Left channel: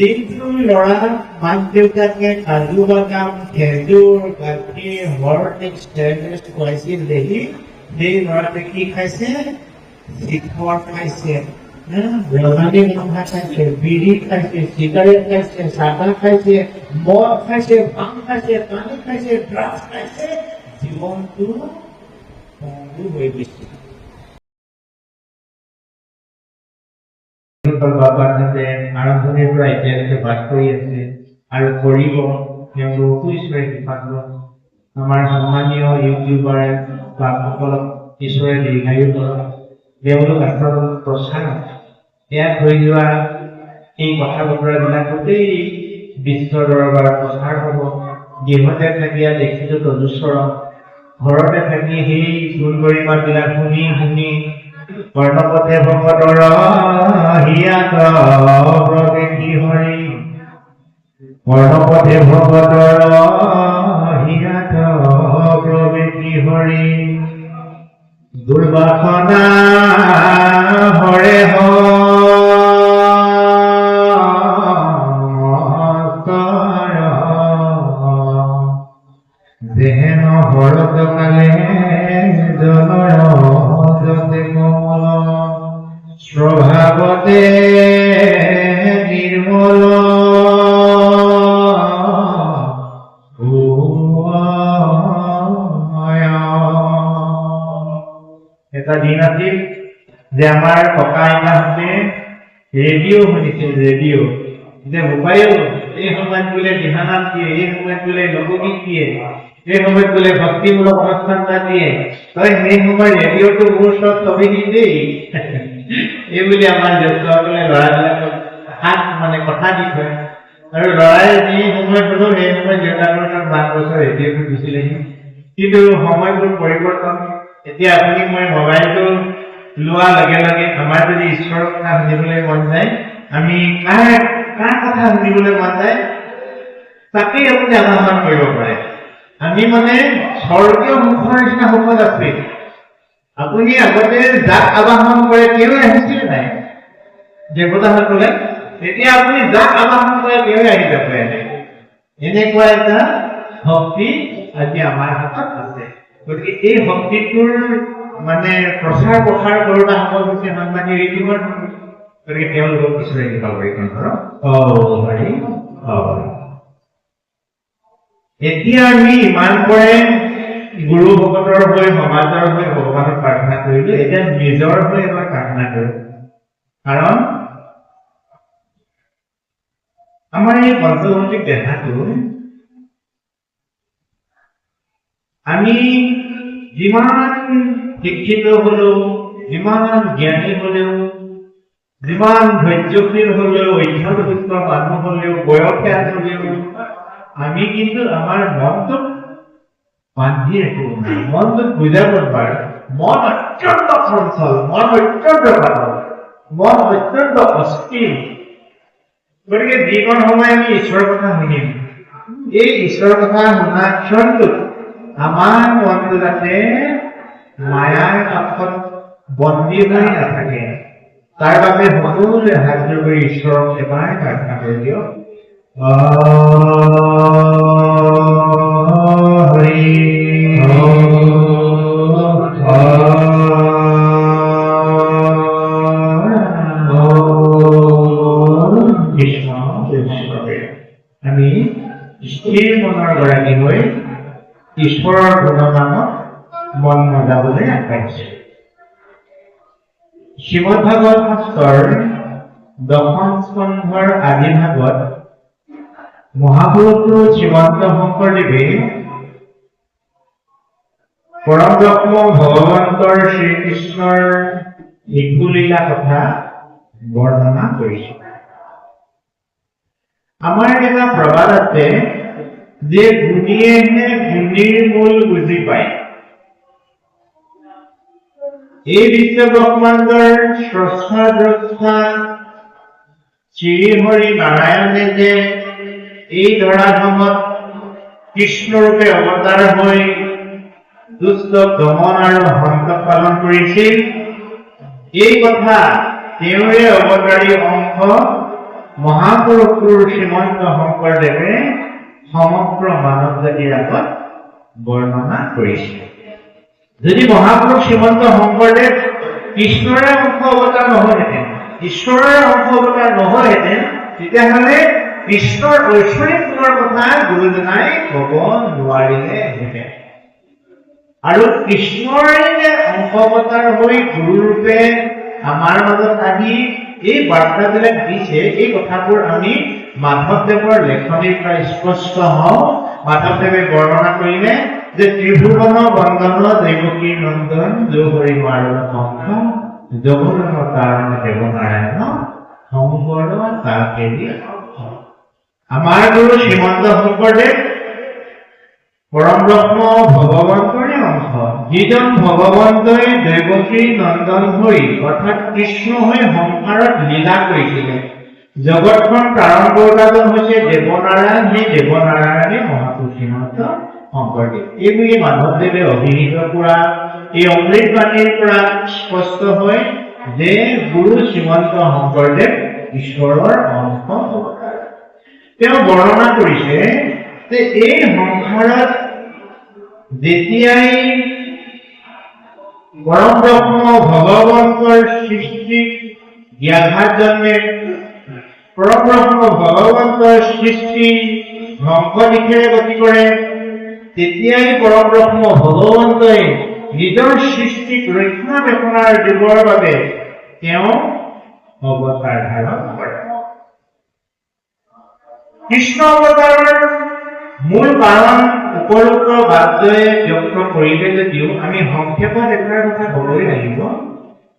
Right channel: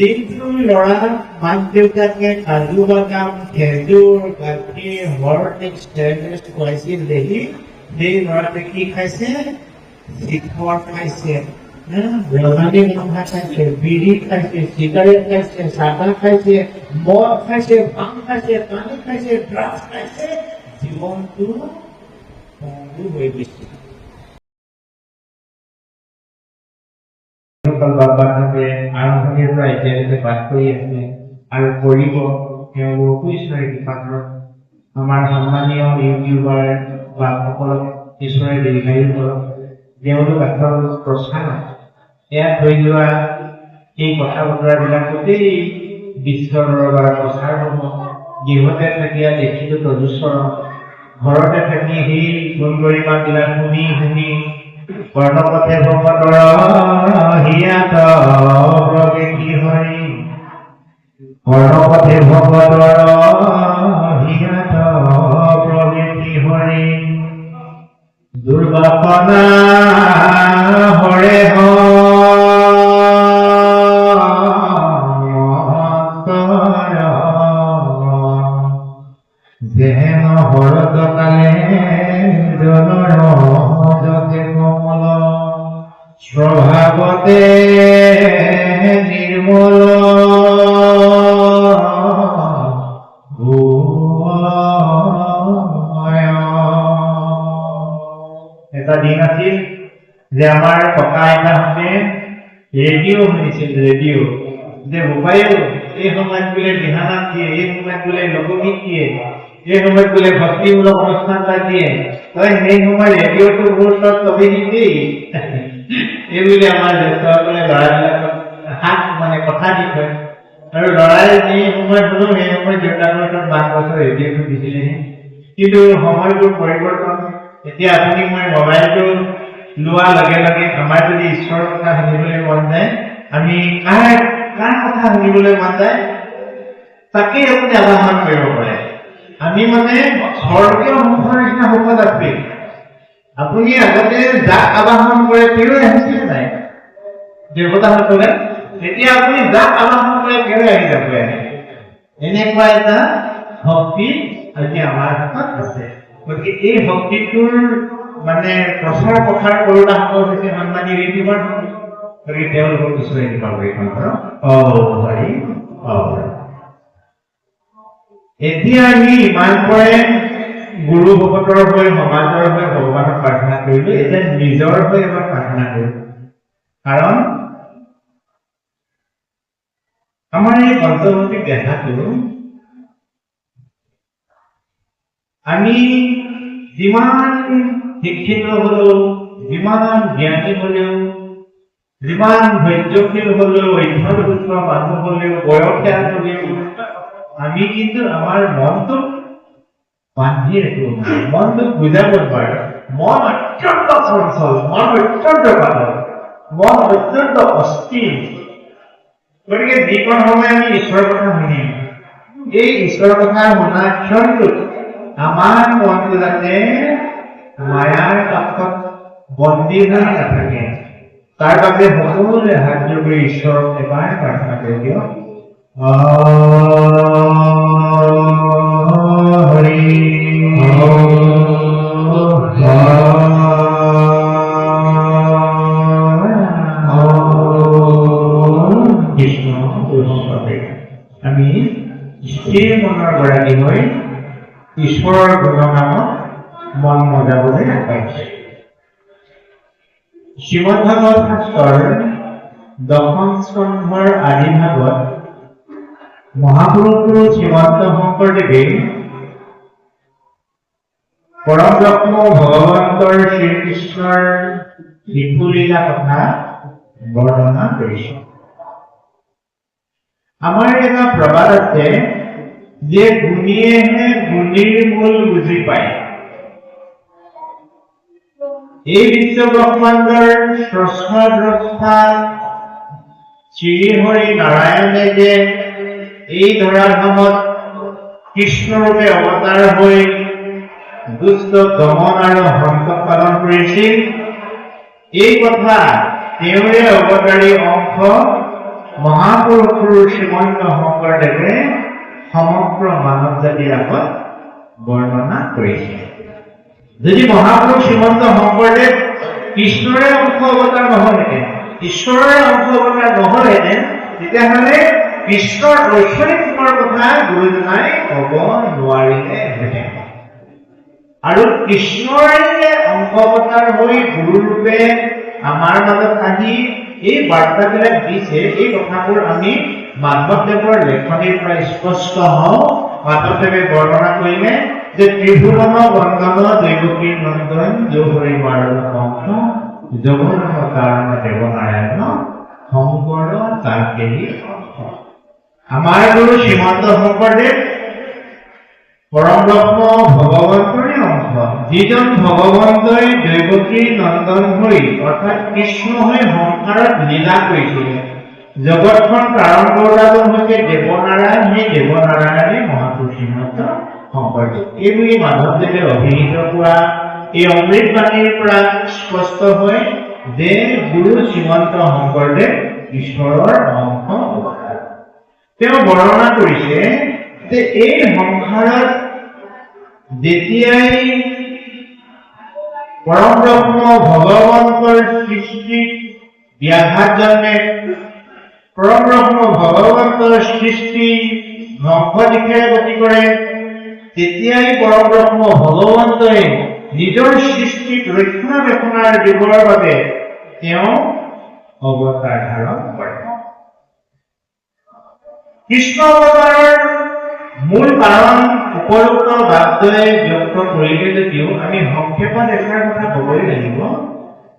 যিটো ল'ৰা মাক দেউতাকে কাজু বাদাম খেজুৰ গাখীৰ হৰলিক্স ষ্টেৰলিক্স খুৱাইছিল দেখি সেই ল'ৰাটোৱে কি খাইছে চিখৰ খাইছে ৰঙালী মাংস খাইছে বিড়ি খাইছে চিগাৰেট খাইছে চাদা খাইছে মদ খাইছে ভাং খাইছে পানী খাইছে ড্ৰাগছ খাইছে জীৱনটো বন্ধু হৈ গৈছে বাবাহঁতে আৰম্ভণিৰ পৰা এতিয়ালৈকে বাস কৰি আছে আৰু কৰিব তেওঁলোকো ঈশ্বৰে কৃপা কৰক আমাৰ সন্মানীয় ইউটিউবাৰ বা সকলক ঈশ্বৰে দীৰ্ঘায়ু কৰক তেওঁলোক আচলতে প্ৰচাৰ ইয়াত হৈ যোৱা এই কথা বতৰাবিলাক গোটেই বিশ্বৰ দৰবাৰত প্ৰচাৰ হ'ব গৃহতে থাকি দেখিলো তদুচৰণ ঘৰতে থাকি সেই গুণ গৰিমাবিলাক শুনি শুনি কৰ্ণপথে ভকতৰ হিয়াত প্ৰৱেশী হৰি কৰ্ণপথে ভকতৰ হিয়াত প্ৰৱেশী হৰি দুৰ্বাসনা হৰে যেহেন হৰত কালে স্বভাৱতে নিৰ্মল এটা দিন আছিল যে আমাৰ ককা আইতাহঁতে ৰেডিঅ' শুনিছিল ৰেডিঅ' যে মোবাইল এই সময়ত বোলে দিহানাম দিয়ে এই সময়ত বোলে লোকগীত দিয়ে এই সময়ত বোলে ভক্তিমূলক অনুষ্ঠান এটা দিয়ে তই সেই সময় ৰেডিঅ'টো মোৰ ওচৰত থবি দেই এইবুলি আমাৰ জ্যেষ্ঠসকলে ল'ৰাবিলাকক হাত মানে কথা দি থয় আৰু ল'ৰাই যি সময়ত শুনো সেই সময়ত দেউতাকৰ তাত 5 বছৰ ৰেডিঅ'টো দিছিলেহি কিন্তু সময়বোৰ পৰিৱৰ্তন এতিয়া আপুনি মই মোবাইলটো লোৱাৰ লগে লগে আমাৰ যদি ঈশ্বৰৰ কথা শুনিবলৈ মন যায় আমি কাৰ কথা শুনিবলৈ মন যায় তাকেই আপুনি আহ্বান কৰিব পাৰে আমি মানে স্বৰ্গীয় মুখৰ নিচিনা হ'ব লাগবে আপুনি আগতে যাক আহ্বান কৰে তেওঁ আহিছিলে নাই দেৱতাসকলে তেতিয়া আপুনি যাক আহ্বান কৰে তেওঁ আহি যাব এনেকুৱা এটা শক্তি আজি আমাৰ হাতত আছে গতিকে এই শক্তিটোৰ মানে প্ৰচাৰ কৰোতা সকল হৈছে সন্মানীয় ইউটিউবাৰ গতিকে তেওঁলোকক ঈশ্বৰে কৃপা কৰি হৰি এতিয়া আমি ইমানকৰে গুৰু ভকতৰ হৈ সমাজৰ হৈ ভগৱানক প্ৰাৰ্থনা কৰিলো এতিয়া নিজৰ হৈ এবাৰ প্ৰাৰ্থনা কৰিলো কাৰণ আমাৰ এই পঞ্চভৌতিক দেহাটো আমি যিমান শিক্ষিত হলেও যিমান জ্ঞানী হলেও যিমান ধৈৰ্যশীল হলেও অধ্যাৱধূত মানুহ হলেও বয়সীয়াল হলেও আমি কিন্তু আমাৰ মনটোক বান্ধি ৰাখিব নোৱাৰো মনটোক বুজাব নোৱাৰো মন অত্যন্ত চঞ্চল মন অত্যন্ত পাতল মন অত্যন্ত অস্থিৰ গতিকে যিকোনো সময় আমি ঈশ্বৰৰ কথা শুনিম এই ঈশ্বৰৰ কথা শুনা ক্ষণটোত আমাৰ মনটো যাতে মায়াৰ পাত্ৰত বন্দী হৈ নাথাকে তাৰ বাবে সকলোৱে হাত জোৰি ঈশ্বৰক এবাৰ প্ৰাৰ্থনা কৰি দিয়ক হৰি আমি স্থিৰ মনৰ গৰাকী হৈ ঈশ্বৰৰ গুণনামত মন মজাবলৈ আগবাঢ়িছে শ্ৰীমদ্ভাগৱত শাস্ত্ৰৰ 10ম স্কন্ধৰ আদি ভাগত মহাপুৰুষ শ্ৰীমন্ত শংকৰদেৱে পৰম ব্ৰহ্ম ভগৱন্তৰ শ্ৰীকৃষ্ণৰ লিখুলীলা কথা বৰ্ণনা কৰিছে আমাৰ এটা প্ৰবাদ আছে যে গুণীয়েহে গুণীৰ মূল বুজি পায় এই বিশ্বব্ৰহ্মাণ্ডৰ স্ৰষ্টা দ্ৰষ্টা শ্ৰীহৰি নাৰায়ণে যে এই ধৰাধামত কৃষ্ণৰূপে অৱতাৰ হৈ দুষ্ট দমন আৰু হন্ত পালন কৰিছিল এই কথা তেওঁৰে অৱতাৰী অংশ মহাপুৰুষ শ্ৰীমন্ত শংকৰদেৱে সমগ্ৰ মানৱ জাতিৰ আগত বৰ্ণনা কৰিছে। যদি মহাপুৰুষ শ্ৰীমন্ত শংকৰদেৱ কৃষ্ণৰে অংশ অৱতাৰ নহলহেঁতেন, ঈশ্বৰৰ অংশ অৱতাৰ নহলহেঁতেন, তেতিয়াহ'লে কৃষ্ণৰ ঐশ্বৰিক গুণৰ কথা গুৰুজনাই ক'ব নোৱাৰিলেহেঁতেন। আৰু কৃষ্ণৰে যে অংশ অৱতাৰ হৈ গুৰুৰূপে আমাৰ মাজত আহি এই বাৰ্তাবিলাক দিছে, এই কথাবোৰ আমি মাধৱদেৱৰ লেখনিৰ পৰা স্পষ্ট হওঁ। মাধৱদেৱে বৰ্ণনা কৰিলে যে ত্ৰিভুৱন বন্দন দৈৱকী নন্দন জৌহৰি মাৰণ কংস যৌন কাৰণ দেৱনাৰায়ণ শংকৰ তাকেৰি। আমাৰ গুৰু শ্ৰীমন্ত শংকৰদেৱ পৰম ব্ৰহ্ম ভগৱন্তৰে অংশ, যিজন ভগৱন্তই দৈৱকী নন্দন হৈ অৰ্থাৎ কৃষ্ণ হৈ সংসাৰত লীলা কৰিছিলে। জগতখন প্ৰাণ কৰোৱাজন হৈছে দেৱনাৰায়ণ, সেই দেৱনাৰায়ণে মহাপুৰুষ শ্ৰীমন্ত শংকৰদেৱ। এইবুলি মাধৱদেৱে অভিহিত কৰা এই অমৃতবাণীৰ পৰা স্পষ্ট হয় যে গুৰু শ্ৰীমন্ত শংকৰদেৱ ঈশ্বৰৰ অংশ অৱতাৰ। তেওঁ বৰ্ণনা কৰিছে যে এই সংসাৰত যেতিয়াই পৰম ব্ৰহ্ম ভগৱন্তৰ সৃষ্টিত ব্যাঘাত জন্মে, পৰম ব্ৰহ্ম ভগৱন্তৰ সৃষ্টি ধ্বংস দিশে গতি কৰে, তেতিয়াই পৰম ব্ৰহ্ম ভগৱন্তই নিজৰ সৃষ্টিক ৰক্ষণাবেক্ষণাৰ দিবৰ বাবে তেওঁ অৱতাৰ ধাৰণ কৰে। কৃষ্ণ অৱতাৰৰ মূল কাৰণ উপৰোক্ত বাদ্যই ব্যক্ত কৰিলে যদিও আমি সংক্ষেপত এষাৰ কথা ক'বই লাগিব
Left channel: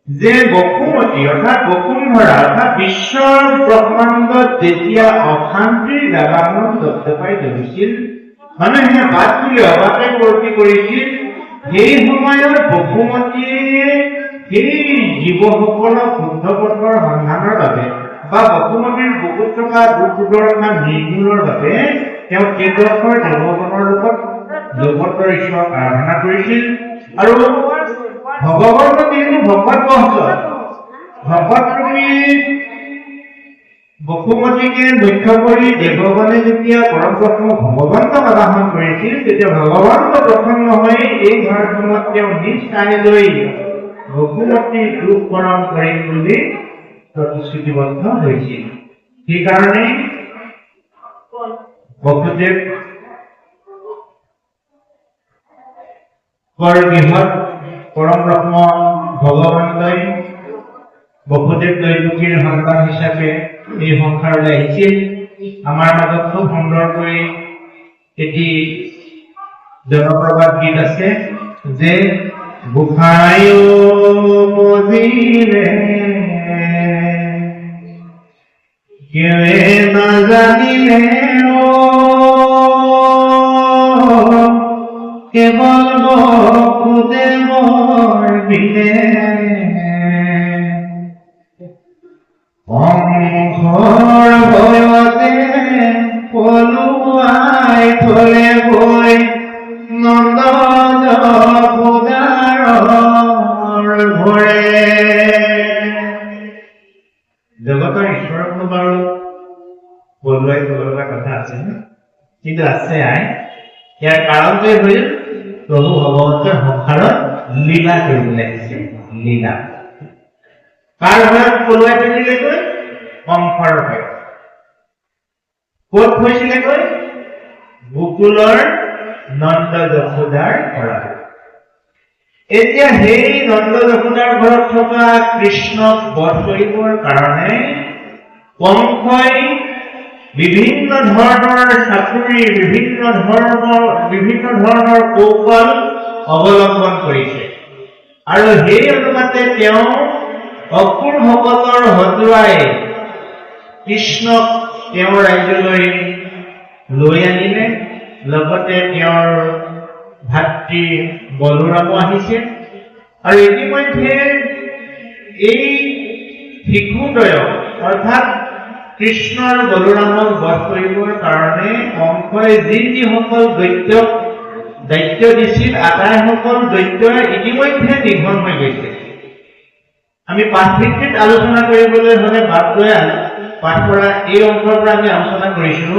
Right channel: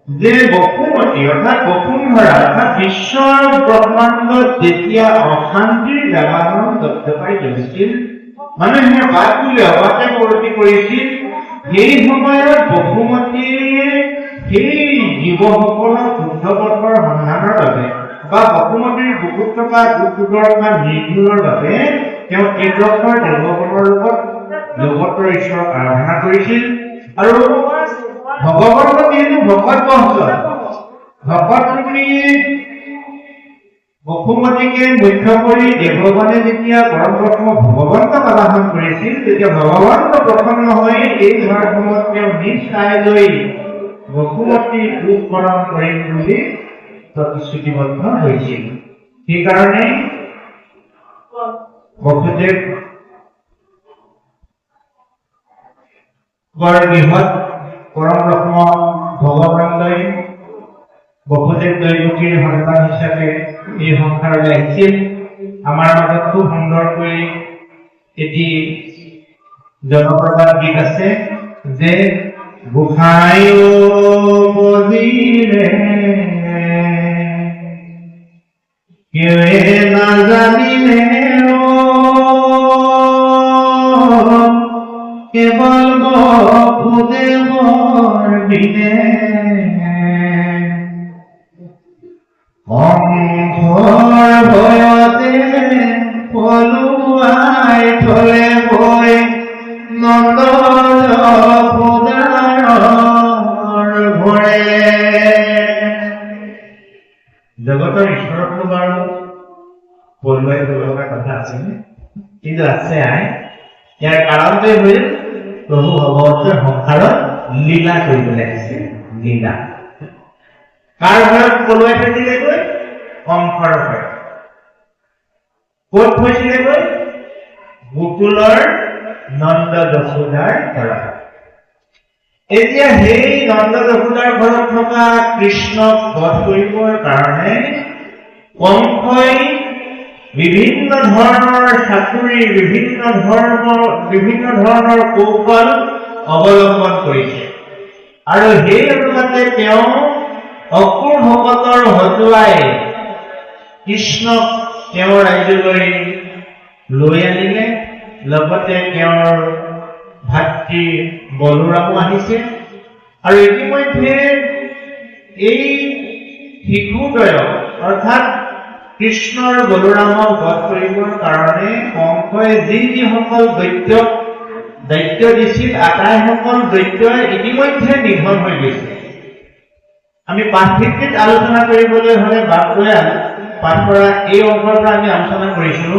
যে বসুমতী অৰ্থাৎ বসুন্ধৰা অৰ্থাৎ বিশ্বৰ ব্ৰহ্মাণ্ডত যেতিয়া অশান্তিৰ দাবানল দপদপাই জ্বলিছিল, মানুহে গাত তুলি অবাতে প্ৰৱৰ্তি কৰিছিল, সেই সময়ত বসুমতীয়ে সেই জীৱসকলক শুদ্ধ পথৰ সন্ধানৰ বাবে বা বসুমতীৰ বুকুত থকা দুখ দুৰ্দশা নিৰ্মূলৰ বাবে তেওঁ কেইবছৰ দেৱতাৰ লগত জগতৰ ঈশ্বৰক আৰাধনা কৰিছিল। আৰু ভগৱন্ত যিহেতু ভকত বংশ, ভকত বসুমতীকে মুখ্য কৰি দেৱগণে যেতিয়া পৰম ব্ৰহ্ম ভগৱন্তক আবাহন কৰিছিল, তেতিয়া ভগৱন্ত প্ৰসন্ন হৈ এই ধৰ্মখনত তেওঁ নিজ ঠাইলৈ বসুমতীৰ দুখ কৰণ কৰিম বুলি প্ৰতিশ্ৰুতিবদ্ধ হৈছিল। সেইকাৰণে বসুদেৱ গৃহত পৰম ব্ৰহ্ম ভগৱন্তই বসুদেৱ দৈৱকীৰ সন্তান হিচাপে এই সংসাৰলৈ আহিছিল। আমাৰ মাজত খুব সুন্দৰকৈ এটি জনপ্ৰবাদ গীত আছে যে গোসাঁই বজিলে কেৱে নাজানিলে কেৱল বসুদেৱৰ বিনে অংশৰ ভয়তে পলুৱাই থলে গৈ নন্দ যশোদাৰ ঘৰে। জগতৰ ঈশ্বৰটো বাৰু বলে লগা কথা আছে কিন্তু আছে আই, ইয়াৰ কাৰণটোৱে হ'ল প্ৰভু ভগৱন্তৰ সংসাৰত লীলা কৰিবলৈ আহিছে। লীলা কাৰ ঘৰত পলুৱাই থৈছিলেগৈ? কংসৰ ঘৰত। ক'ত থৈছিলেগৈ? গোকুলৰ নন্দ যশোদাৰ ঘৰত। এতিয়া সেই নন্দ যশোদাৰ ঘৰত থকা কৃষ্ণক বধ কৰিবৰ কাৰণে কংসই বিভিন্ন ধৰণৰ চাতুৰি, বিভিন্ন ধৰণৰ কৌশল অৱলম্বন কৰিছে। আৰু সেই অনুপাতে তেওঁ অসুৰ ভকতৰ হতুৱাই কৃষ্ণক তেওঁৰ ৰাজ্যলৈ লৈ আনিলে। লগতে তেওঁৰ ভাতৃ বলোৰামো আহিছিল। আৰু ইতিমধ্যে এই শিশুদ্বয় অৰ্থাৎ কৃষ্ণ আৰু বলোৰামক বধ কৰিবৰ কাৰণে কংসই যিসকল দৈত্যক দায়িত্ব দিছিল, আটাইসকল দৈত্যই ইতিমধ্যে নিধন হৈ গৈছে। আমি পাঠভিত্তিত আলোচনা কৰিবলৈ হ'লে বাদ পাঠ কৰা এই অংশৰ পৰা আমি আলোচনা কৰিছো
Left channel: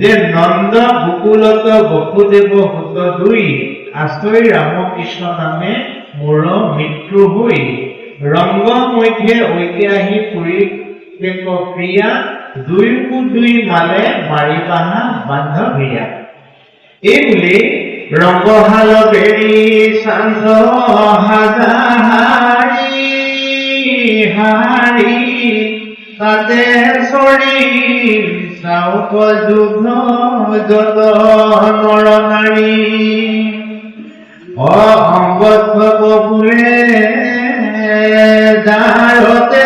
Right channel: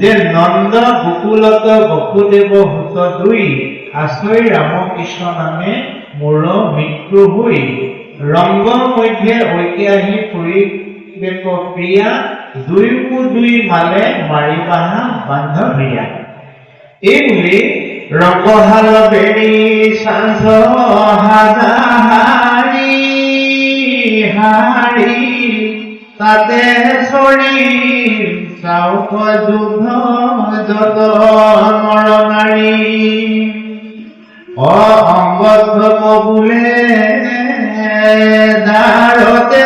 যে নন্দ গোকুলত বসুদেৱ হুত দুই আশ্ৰয় ৰামকৃষ্ণ নামে মোৰ মৃত্যু হৈ ৰংগ মধ্যে ঐতিহাসিক পৰিৱেশ প্ৰিয়া দুইকো দুই মালে মাৰি বাহা বান্ধৱীয়া এই বুলি ৰংগহাল বেৰি চাঞ্চ হাজাহাৰী হাৰী তাতে চৰি চাউক যুদ্ধ যত নৰ নাৰী অংগত বোলে দাৰতে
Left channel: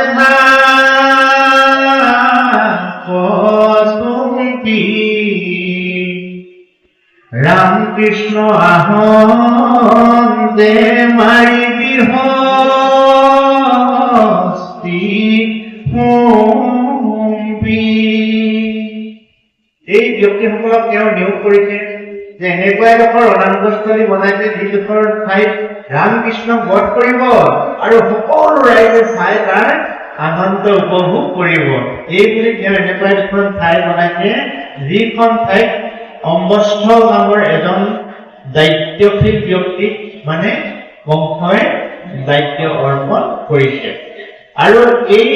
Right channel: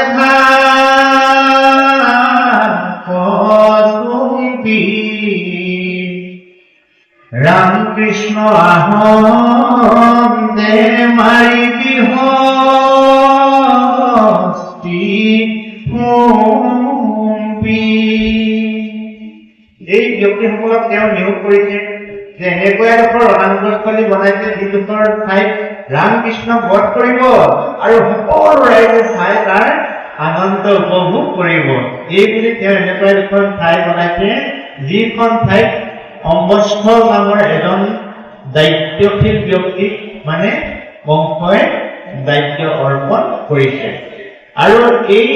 কচুম্পি ৰাম কৃষ্ণ আহন দে মাৰি বিহস্তি এই ব্যক্তিসকলক তেওঁ নিয়োগ কৰিছে যে এনেকুৱা এডোখৰ ৰণাঙ্গস্থলী বনাইছে যিডোখৰ ঠাইত ৰামকৃষ্ণ বধ কৰিব আৰু সকলো ৰাইজে চাই তাৰ আনন্দ উপভোগ কৰিব। এই বুলি তেওঁ এনেকুৱা এডোখৰ ঠাই বনাইছে যিখন ঠাইত অম্বস্থ নামৰ এজন দায়িত্বশীল ব্যক্তিক মানে কংসই দায়িত্ব অৰ্পণ কৰিছে। আৰু এই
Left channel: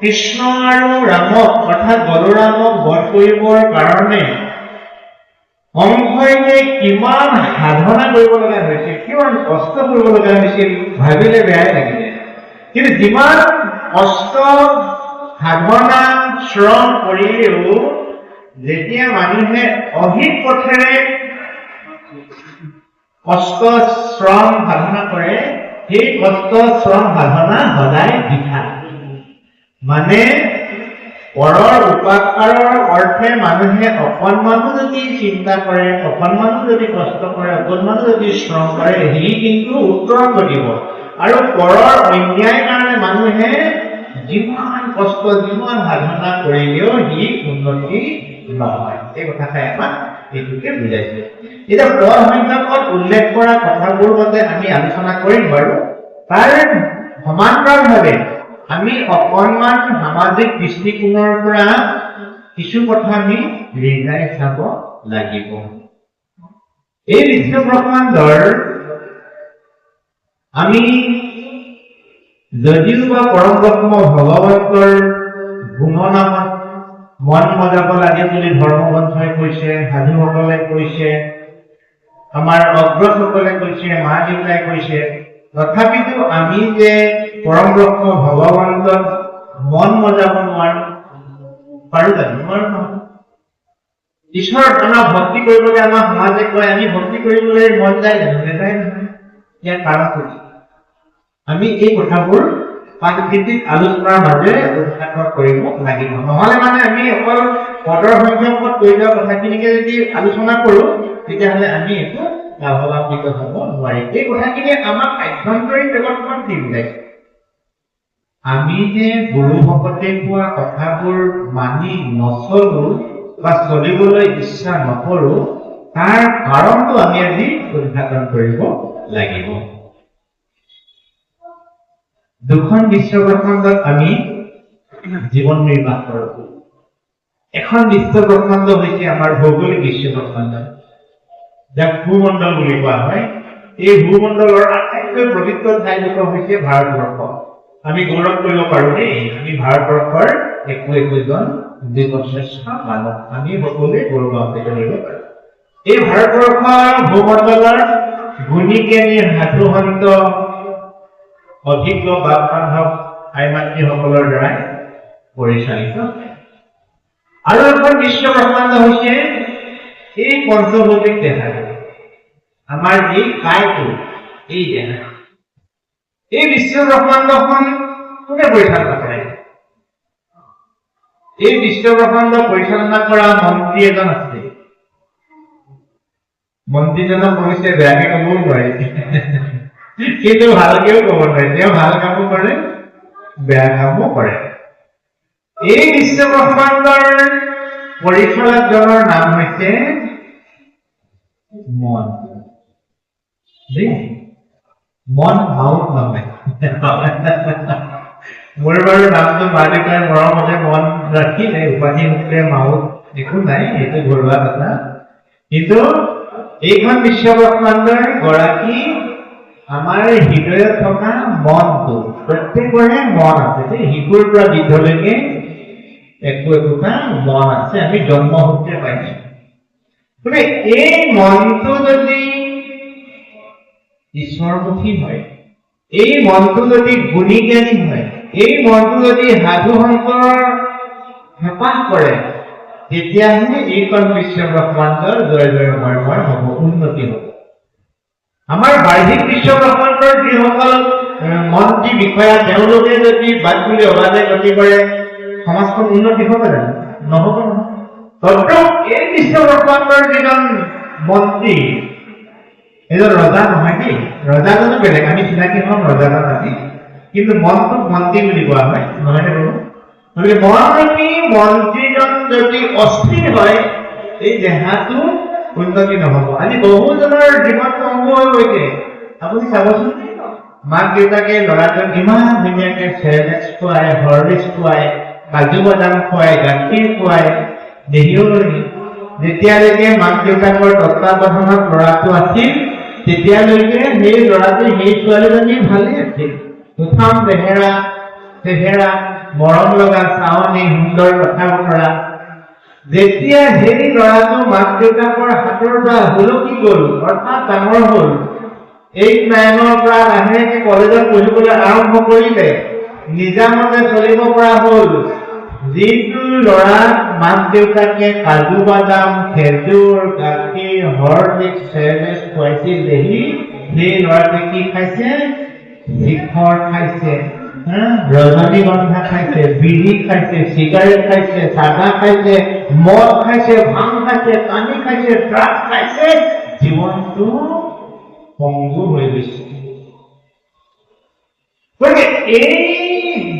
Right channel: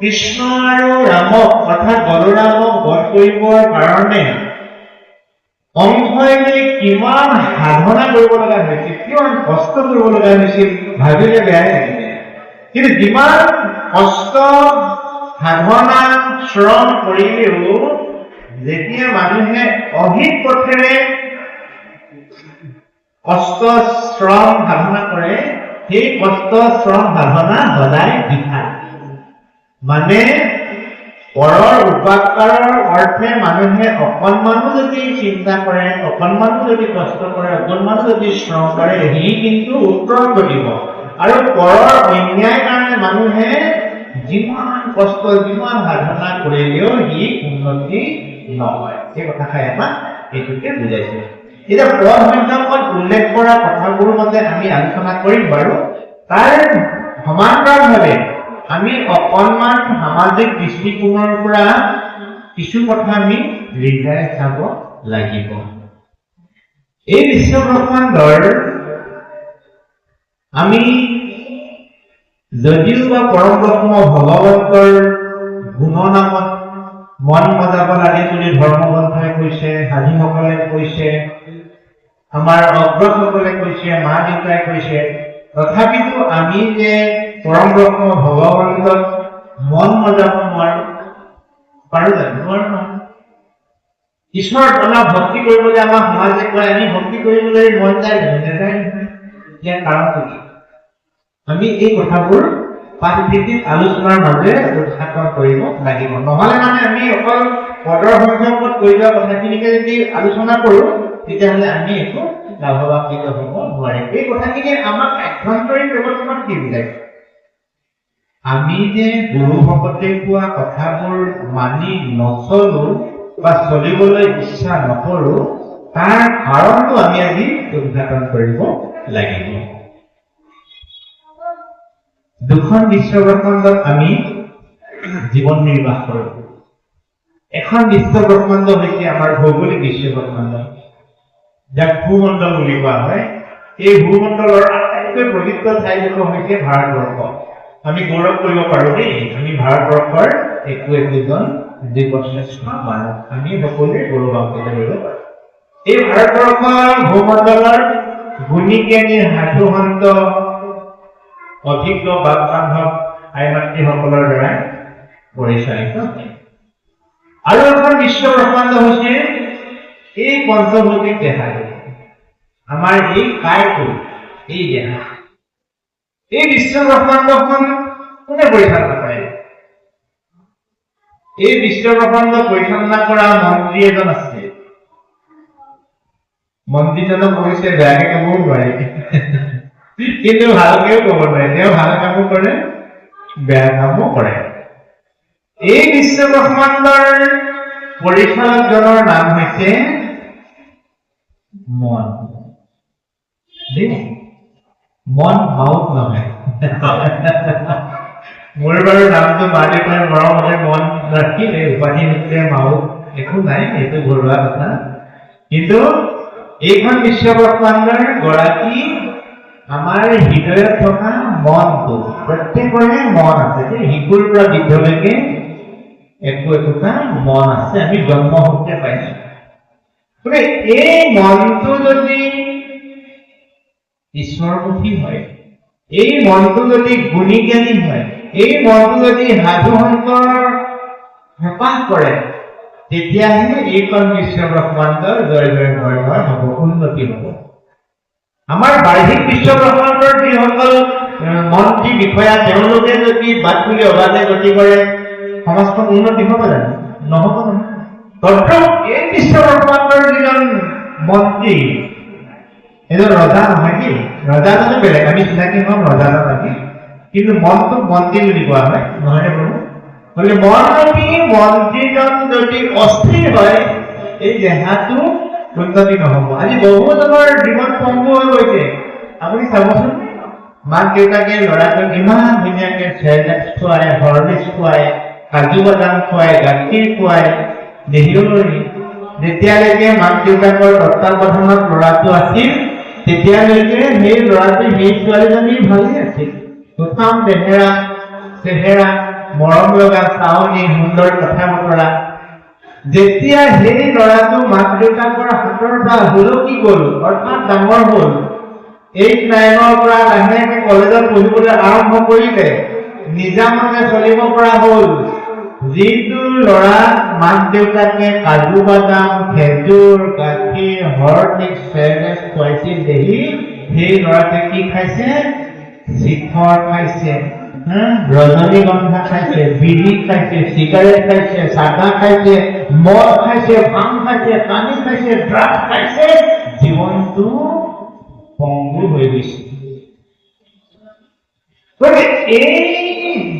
কৃষ্ণ আৰু ৰামক অৰ্থাৎ বলৰামক বধ কৰিবৰ কাৰণে কংসই যে কিমান সাধনা কৰিব লগা হৈছিল, কিমান কষ্ট কৰিব লগা হৈছিল ভাবিলে বেয়াই লাগিলে। কিন্তু যিমান কষ্ট সাধনা শ্ৰম কৰিলেও যেতিয়া মানুহে অধিক পথেৰে কষ্ট শ্ৰম সাধনা কৰে সেই কষ্ট শ্ৰম সাধনা সদায় বৃথা। মানে পৰৰ উপাকৰৰ অৰ্থে মানুহে অকণমানো যদি চিন্তা কৰে, অকণমানো যদি কষ্ট কৰে, অকণমানো যদি শ্ৰম কৰে সি কিন্তু উত্তৰ কৰিব। আৰু পৰৰ অন্যায় কাৰণে মানুহে যিমান কষ্ট যিমান সাধনা কৰিলেও সি উন্নতি নহয়। এই কথাষাৰ এটা এইটোকে বুজাইছে। এতিয়া পদ সংখ্যকত উল্লেখ কৰা কথাবোৰ মতে আমি আলোচনা কৰিম বাৰু। তাৰ সমান্তৰালভাৱে আমি অকণমান সামাজিক দৃষ্টিকোণৰ পৰা কিছু কথা আমি ৰিজাই চাব লাগিব। এই বিশ্বব্ৰহ্মাণ্ডৰ আমি যদিও বা পৰম ব্ৰহ্ম ভগৱন্তৰ গুণনামত মন মজাব লাগে বুলি ধৰ্মগ্ৰন্থই কৈছে, সাধুসকলে কৈছে, আমাৰ অগ্ৰজসকলে কৈছে, মা দেউতাই কৈছে, তথাপিতো আমি যে পৰম ব্ৰহ্ম ভগৱন্তক মন মজাব নোৱাৰো, পাৰো জানো? নোৱাৰো নহয়। ঈশ্বৰ আমাক ভক্তি কৰিবলৈ আমাৰ সমাজে কয় আমি ভক্তি কৰিবলৈ মন যায় জানো? নেযায় নহয়। ইয়াৰ কাৰণটো কি? আমি এই কথাবোৰ পাঠভিত্তিক আলোচনাৰ মাজেৰে উত্থাপন কৰিব লাগিব। নহলে মানে আমি অকল পদৰ সংখ্যকত কৈ যোৱা কথাখিনিকে যদি আলোচনা কৰো তেতিয়াহ'লে আমি একো লাভৱান্বিত হ'ব নোৱাৰিম। এই কথাখিনি আমাক আভ্যন্তৰীণ ব্যৱস্থাত কি বুজাইছে? আমি যে গুৰু ভকতে কোৱা কথাবোৰ মানি নচলো বা চলিবলৈ ইচ্ছা নকৰো তাৰ কাৰণটো আমি আজি উদ্ঘাটন কৰিব লাগিব। দুখন বিশ্বব্ৰহ্মাণ্ডত আমি জীৱন নিৰ্বাহ কৰো। এখন বিশ্বব্ৰহ্মাণ্ড হৈছে আমাৰ ভৌগোলিক বিশ্বব্ৰহ্মাণ্ড, যাক ভূমণ্ডল বুলি কোৱা হয়। এই ভূমণ্ডলৰ আটাইতকৈ পবিত্ৰ ঠাইডোখৰ হৈছে ভাৰতবৰ্ষ। আমি গৌৰৱ কৰিব পাৰো দেই, আমি ভাৰতবৰ্ষৰ একোজন জীৱশ্ৰেষ্ঠ মানৱ। আমি সকলোৱে গৌৰৱান্বিত কৰিব পাৰো। এই ভাৰতবৰ্ষৰ ভূমণ্ডলৰ গুণীজ্ঞানী সাধুসন্ত অভিজ্ঞ বাপ বান্ধৱ আইমাতৃসকলৰ দ্বাৰা পৰিচালিত। আৰু এখন বিশ্বব্ৰহ্মাণ্ড হৈছে এই পঞ্চভৌতিক দেহাটো, আমাৰ এই কাৰটো, এই দেহা। এই বিশ্বব্ৰহ্মাণ্ডখন কোনে পৰিচালনা কৰে? এই বিশ্বব্ৰহ্মাণ্ড পৰিচালনা কৰা মন্ত্ৰী এজন আছে। মন্ত্ৰীজনক কৈছে বেয়াকে ক'বও নোৱাৰি, কিন্তু ভালকেও ক'ব নোৱাৰে। তেওঁ ভাল কামো কৰে, বেয়া কামো কৰে। এই বিশ্বব্ৰহ্মাণ্ডৰ পৰিচালকজনৰ নাম হৈছে মন। মন মাউত নহয়, মোৰ বাৰু নামটো মা দেউতাই মৰমতে মন ৰাখিলে, উপাধি সূত্ৰে ময়ো একো নাই, এইটো ঘৰুৱা কথা। কিন্তু এইখন বিশ্বব্ৰহ্মাণ্ডৰ গৰাকী আমাৰ হৃদয়ত থকা মনটো, প্ৰত্যেকৰে মন আছে যে শিশুৰ পৰা বৃদ্ধলৈকে একো একোটা মন আছে, আমি জন্মসূত্ৰে পাইছো। গতিকে এই মনটো যদি ঈশ্বৰমুখী হয়, এই মনটো যদি গুণী জ্ঞানী হয়, এই মনটো যদি সাধু সন্তৰ হেঁপাহ কৰে, তেতিয়াহে এইখন বিশ্বব্ৰহ্মাণ্ডৰ জয় জয় ময় হ'ব, উন্নতি হ'ব। আমাৰ বাৰ্ষিক বিশ্বব্ৰহ্মাণ্ডৰ যিসকল মন্ত্ৰী বিষয়া, তেওঁলোকে যদি বাট বুলি অবাধে গতি কৰে, সমাজখন উন্নতি হ'ব জানো? নহ'ব নহয়। তথাপিও এই বিশ্বব্ৰহ্মাণ্ডৰ যিজন মন্ত্ৰী, এজন ৰজা নহয় দেই, ৰজাজনো বেলেগ, আমি চিনাকি হওঁ ৰজাজন আমি, কিন্তু মনটোক মন্ত্ৰী বুলি কোৱা হয়, নহয়নে বাৰু? গতিকে মনৰূপী মন্ত্ৰীজন যদি অস্থিৰ হয়, এই দেহাটো উন্নতি নহ'ব। আজি বহুজনৰ জীৱন পংগু হৈ গৈছে। আপুনি চাবচোন, মাক দেউতাকে ল'ৰাটোক ইমান ধুনীয়াকে চেৰেলেক্স খুৱায়, হৰলিক্স খুৱায়, কাজু বাদাম খুৱায়, গাখীৰ খুৱায়, দেখিও যেতিয়ালৈকে মাক দেউতাকৰ তত্ত্বাৱধানত ল'ৰাটো আছিল, তেতিয়ালৈকে সেই ল'ৰাটো সেই ছোৱালীজনী ভালেই আছিল। সুঠাম চেহেৰা, মৰম লগা চাৱনি, সুন্দৰ কথা বতৰা। যেতিয়া সেই ল'ৰাটো মাক দেউতাকৰ হাতৰ পৰা হুলকি গ'ল, অৰ্থাৎ ডাঙৰ হ'ল, 8, 9ৰ পৰা লাহেকে কলেজত পঢ়িবলৈ আৰম্ভ কৰিলে, নিজামতে চলিব পৰা হ'ল, যিটো ল'ৰা মাক দেউতাকে কাজু বাদাম, খেজুৰ, গাখীৰ, হৰলিক্স, চেৰেলেক্স খুৱাইছিল দেখি, সেই ল'ৰাটোৱে কি খাইছে? শিখৰ খাইছে, ৰজনীগন্ধা খাইছে, বিড়ি খাইছে, চিগাৰেট খাইছে, চাদা খাইছে, মদ খাইছে, ভাং খাইছে, পানী খাইছে, ড্ৰাগছ খাইছে, জীৱনটো পংগু হৈ গৈছে। গতিকে এই